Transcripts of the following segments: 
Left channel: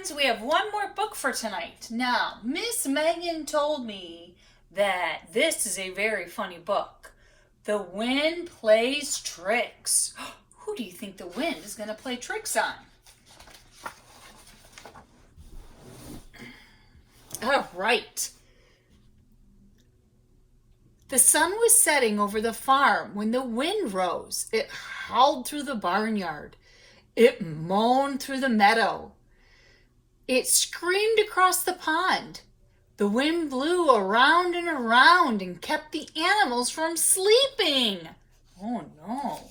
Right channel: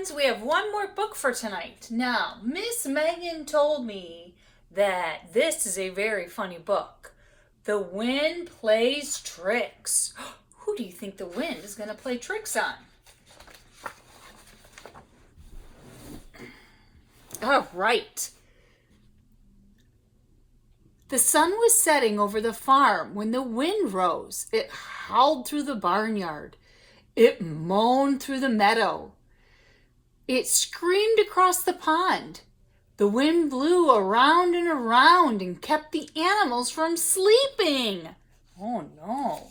friends, we have one more book for tonight. Now, Miss Megan told me that this is a very funny book. The Wind Plays Tricks. Who do you think the wind is going to play tricks on? All right. The sun was setting over the farm when the wind rose. It howled through the barnyard. It moaned through the meadow. It screamed across the pond. The wind blew around and around and kept the animals from sleeping. Oh no.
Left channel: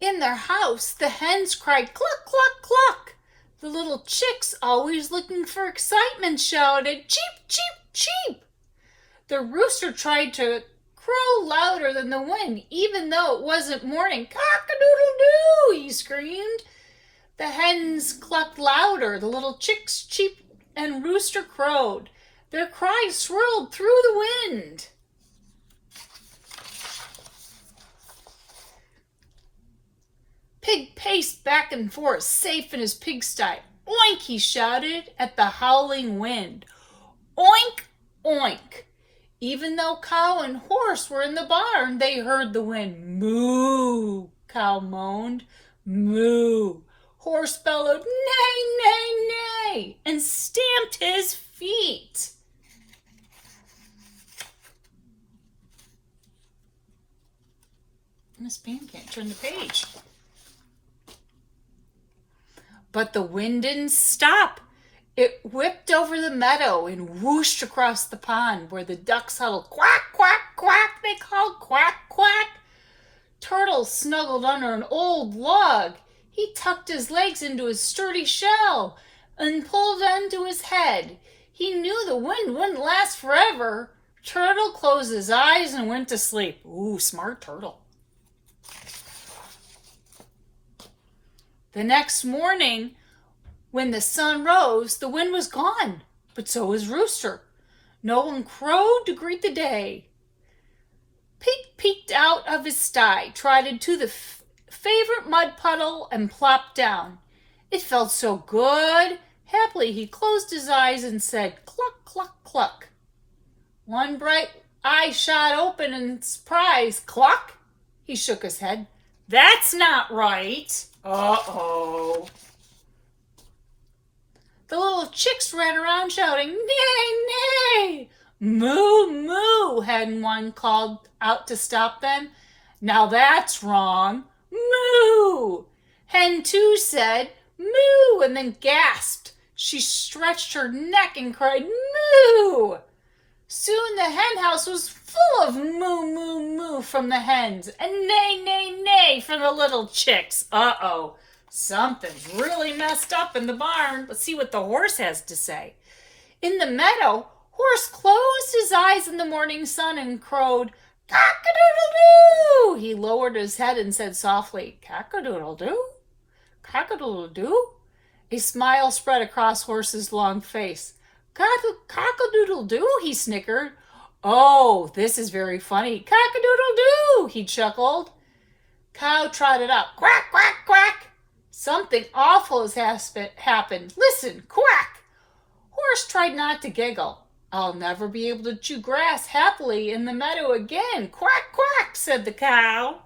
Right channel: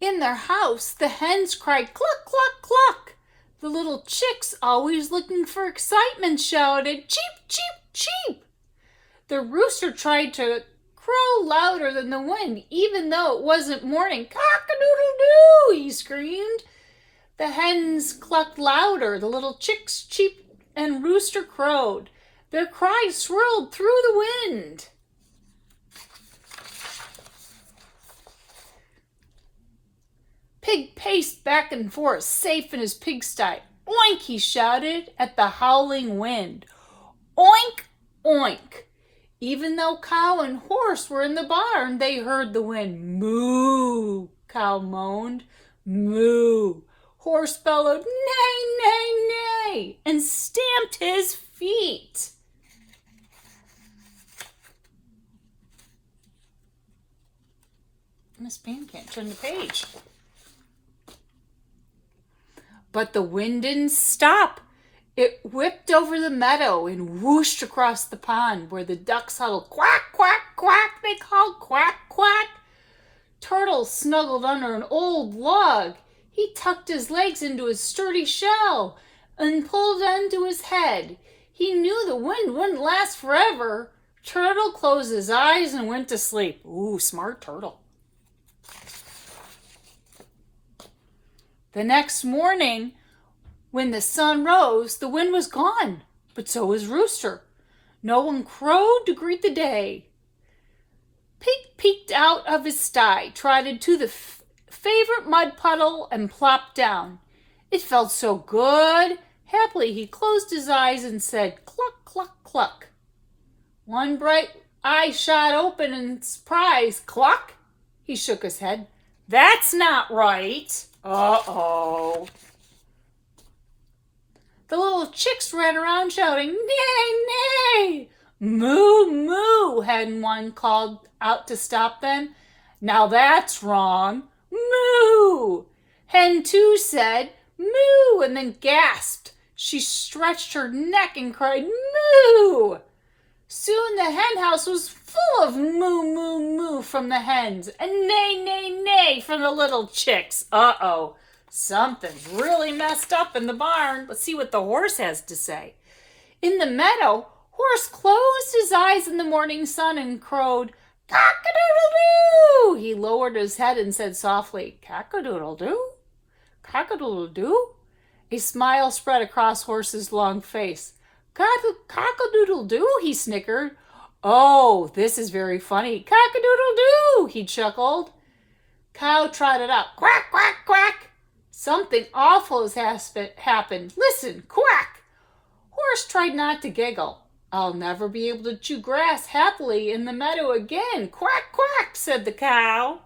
In their house, the hens cried cluck, cluck, cluck. The little chicks, always looking for excitement, shouted cheep, cheep, cheep. The rooster tried to crow louder than the wind, even though it wasn't morning. Cock-a-doodle-doo, he screamed. The hens clucked louder, the little chicks cheeped, and rooster crowed. Their cries swirled through the wind. Pig paced back and forth, safe in his pigsty. Oink, he shouted at the howling wind. Oink, oink. Even though cow and horse were in the barn, they heard the wind. Moo, cow moaned. Moo. Horse bellowed, neigh, neigh, neigh, and stamped his feet. Miss Pam can't turn the page. But the wind didn't stop. It whipped over the meadow and whooshed across the pond where the ducks huddled. Quack, quack, quack, they called. Quack, quack. Turtle snuggled under an old log. He tucked his legs into his sturdy shell and pulled onto his head. He knew the wind wouldn't last forever. Turtle closed his eyes and went to sleep. Ooh, smart turtle. The next morning, when the sun rose, the wind was gone, but so was Rooster. No one crowed to greet the day. Pig peeked out of his sty, trotted to the favorite mud puddle, and plopped down. It felt so good. Happily, he closed his eyes and said, cluck, cluck, cluck. One bright eye shot open in surprise. Cluck! He shook his head. That's not right. Uh-oh. The little chicks ran around shouting, neigh, neigh. Moo, moo, Hen 1 called out to stop them. Now that's wrong. Moo. Hen 2 said, moo, and then gasped. She stretched her neck and cried, moo. Soon the hen house was full of moo, moo, moo from the hens and neigh, neigh, neigh from the little chicks. Uh-oh, something's really messed up in the barn. Let's see what the horse has to say. In the meadow, Horse closed his eyes in the morning sun and crowed, cock-a-doodle-doo. He lowered his head and said softly, cock-a-doodle-doo? Cock-a-doodle-doo? A smile spread across Horse's long face. Cock-a-doodle-doo, he snickered. Oh, this is very funny. Cock-a-doodle-doo, he chuckled. Cow trotted up. Quack, quack, quack. Something awful has happened. Listen, quack. Horse tried not to giggle. I'll never be able to chew grass happily in the meadow again. Quack, quack, said the cow.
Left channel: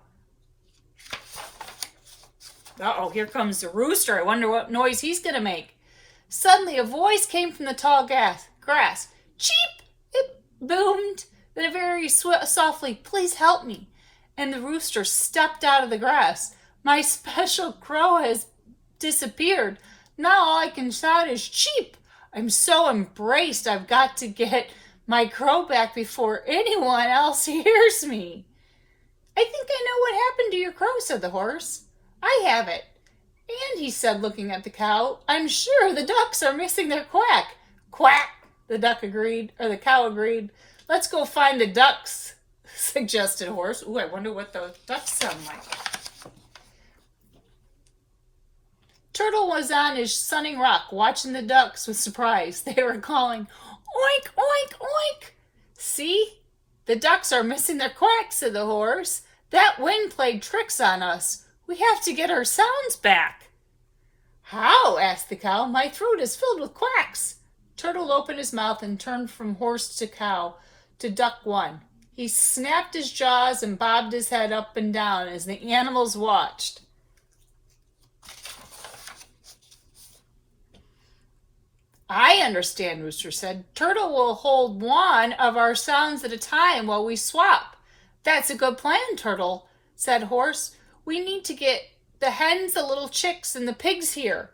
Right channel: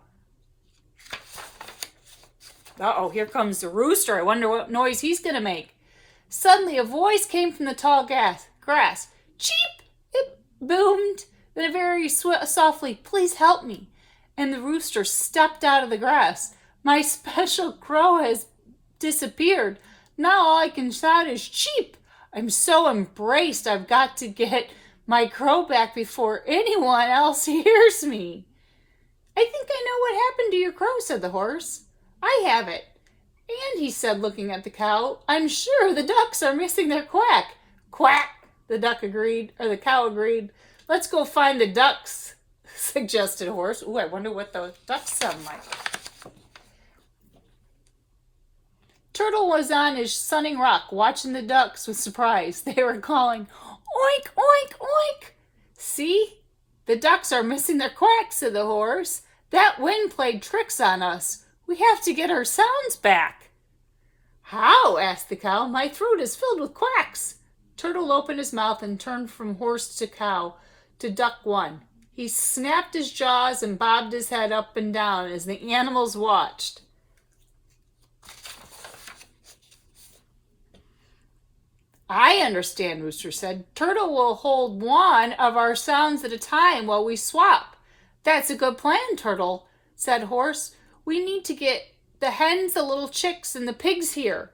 Uh-oh, here comes the rooster. I wonder what noise he's going to make. Suddenly, a voice came from the tall grass. Cheep! It boomed. Then very softly, please help me. And the rooster stepped out of the grass. My special crow has disappeared. Now all I can shout is cheep. I'm so embraced I've got to get my crow back before anyone else hears me. I think I know what happened to your crow, said the horse. I have it. And he said, looking at the cow, I'm sure the ducks are missing their quack. Quack, the cow agreed. Let's go find the ducks, suggested Horse. Ooh, I wonder what the ducks sound like. Turtle was on his sunning rock, watching the ducks with surprise. They were calling, oink, oink, oink. See? The ducks are missing their quack, said the horse. That wind played tricks on us. We have to get our sounds back. How? Asked the cow. My throat is filled with quacks. Turtle opened his mouth and turned from horse to cow to duck one. He snapped his jaws and bobbed his head up and down as the animals watched. I understand, Rooster said. Turtle will hold one of our sounds at a time while we swap. That's a good plan, Turtle, said Horse. We need to get the hens, the little chicks, and the pigs here.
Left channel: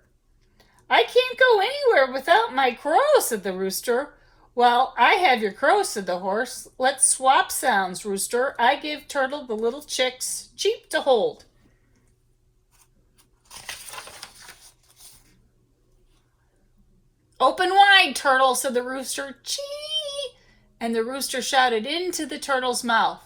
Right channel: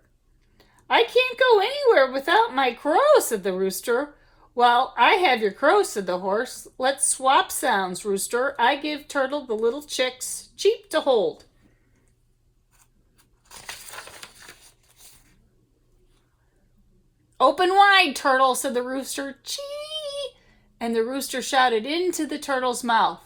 I can't go anywhere without my crow, said the Rooster. Well, I have your crow, said the Horse. Let's swap sounds, Rooster. I give Turtle the little chicks, cheap to hold. Open wide, Turtle, said the Rooster. Chee! And the Rooster shouted into the Turtle's mouth.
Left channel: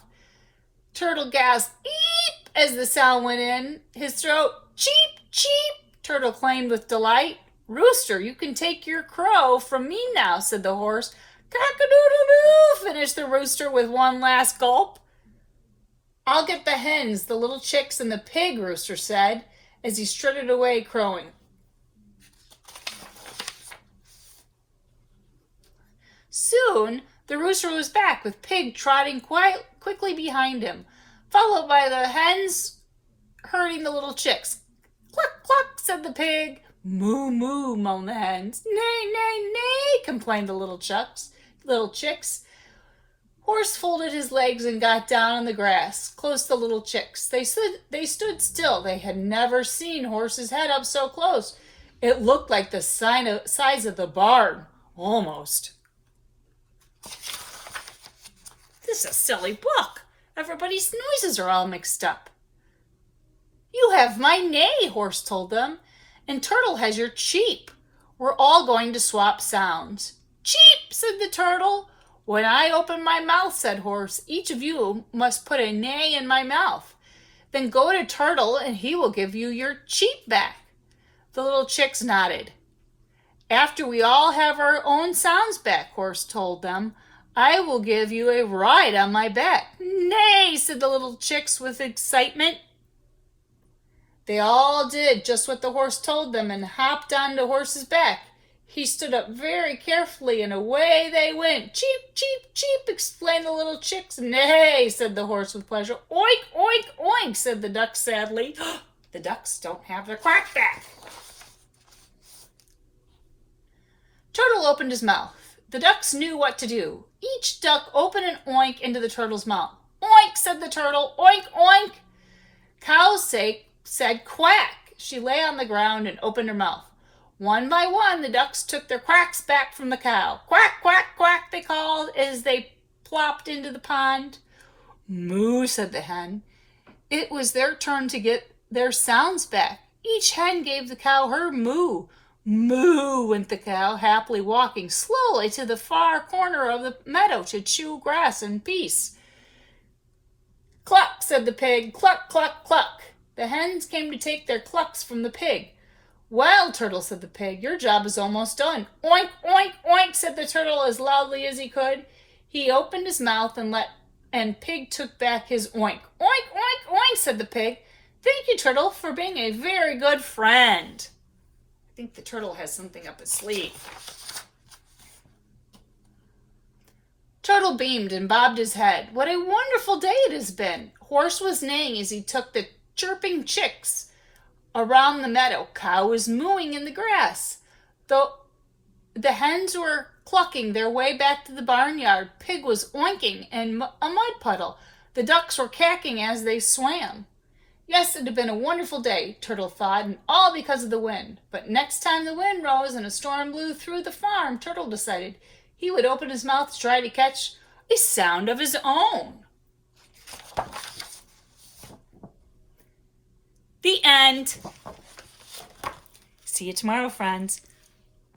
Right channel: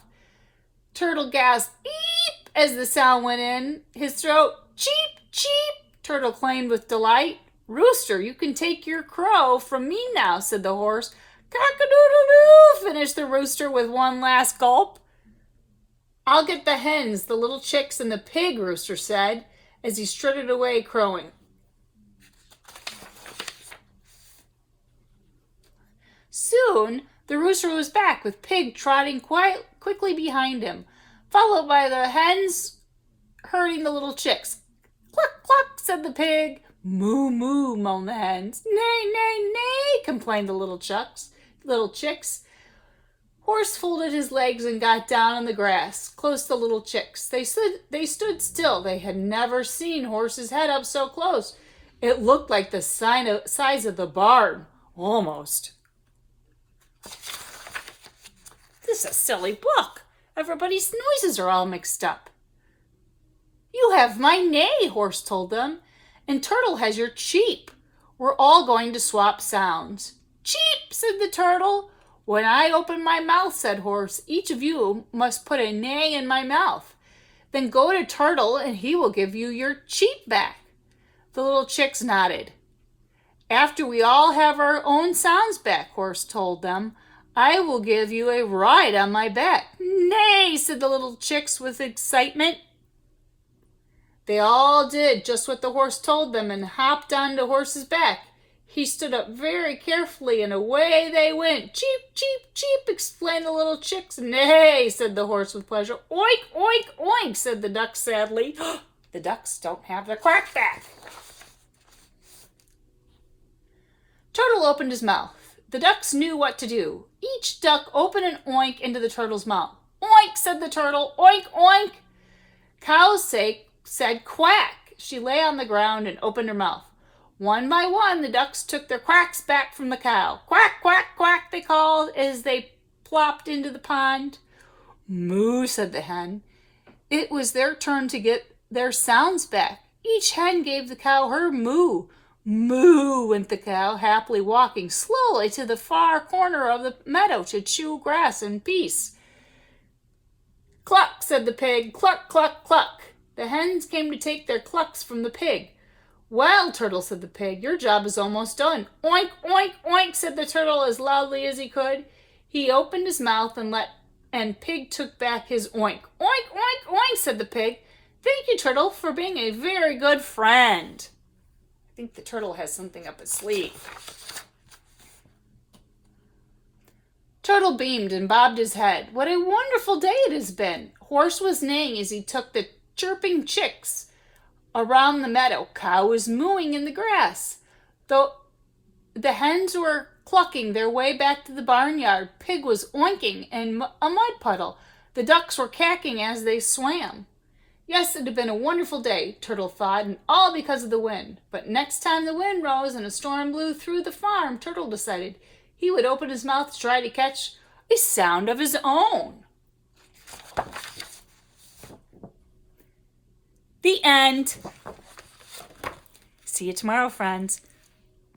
Turtle gasped, eep, as the sound went in his throat. Cheep, cheep, Turtle claimed with delight. Rooster, you can take your crow from me now, said the Horse. Cock-a-doodle-doo, finished the Rooster with one last gulp. I'll get the hens, the little chicks, and the pig, Rooster said, as he strutted away crowing. Soon, the Rooster was back with Pig trotting quickly behind him, followed by the hens herding the little chicks. Cluck, cluck, said the pig. Moo, moo, moaned the hens. Nay, nay, nay, complained the little chicks. Horse folded his legs and got down on the grass, close to the little chicks. They stood still. They had never seen Horse's head up so close. It looked like the size of the barn, almost. This is a silly book. Everybody's noises are all mixed up. You have my neigh, Horse told them, and Turtle has your cheep. We're all going to swap sounds. Cheep, said the Turtle. When I open my mouth, said Horse, each of you must put a neigh in my mouth. Then go to Turtle and he will give you your cheep back. The little chicks nodded. After we all have our own sounds back, Horse told them, I will give you a ride on my back. Nay, said the little chicks with excitement. They all did just what the Horse told them and hopped onto Horse's back. He stood up very carefully and away they went. Cheep, cheep, cheep, explained the little chicks. Nay, said the Horse with pleasure. Oink, oink, oink, said the ducks sadly. The ducks don't have their quack back. Turtle opened his mouth. The ducks knew what to do. Each duck opened an oink into the turtle's mouth. Oink, said the turtle. Oink, oink. Cow's sake said quack. She lay on the ground and opened her mouth. One by one, the ducks took their quacks back from the cow. Quack, quack, quack, they called as they plopped into the pond. Moo, said the hen. It was their turn to get their sounds back. Each hen gave the cow her moo. Moo, went the cow, happily walking slowly to the far corner of the meadow to chew grass in peace. Cluck, said the pig. Cluck, cluck, cluck. The hens came to take their clucks from the pig. Well, Turtle, said the pig, your job is almost done. Oink, oink, oink, said the turtle as loudly as he could. He opened his mouth and Pig took back his oink. Oink, oink, oink, said the pig. Thank you, Turtle, for being a very good friend. I think the turtle has something up his sleeve. Turtle beamed and bobbed his head. What a wonderful day it has been. Horse was neighing as he took the chirping chicks around the meadow. Cow was mooing in the grass. Though the hens were clucking their way back to the barnyard, Pig was oinking in a mud puddle. The ducks were quacking as they swam. Yes, it had been a wonderful day, Turtle thought, and all because of the wind. But next time the wind rose and a storm blew through the farm, Turtle decided he would open his mouth to try to catch a sound of his own. The end. See you tomorrow, friends.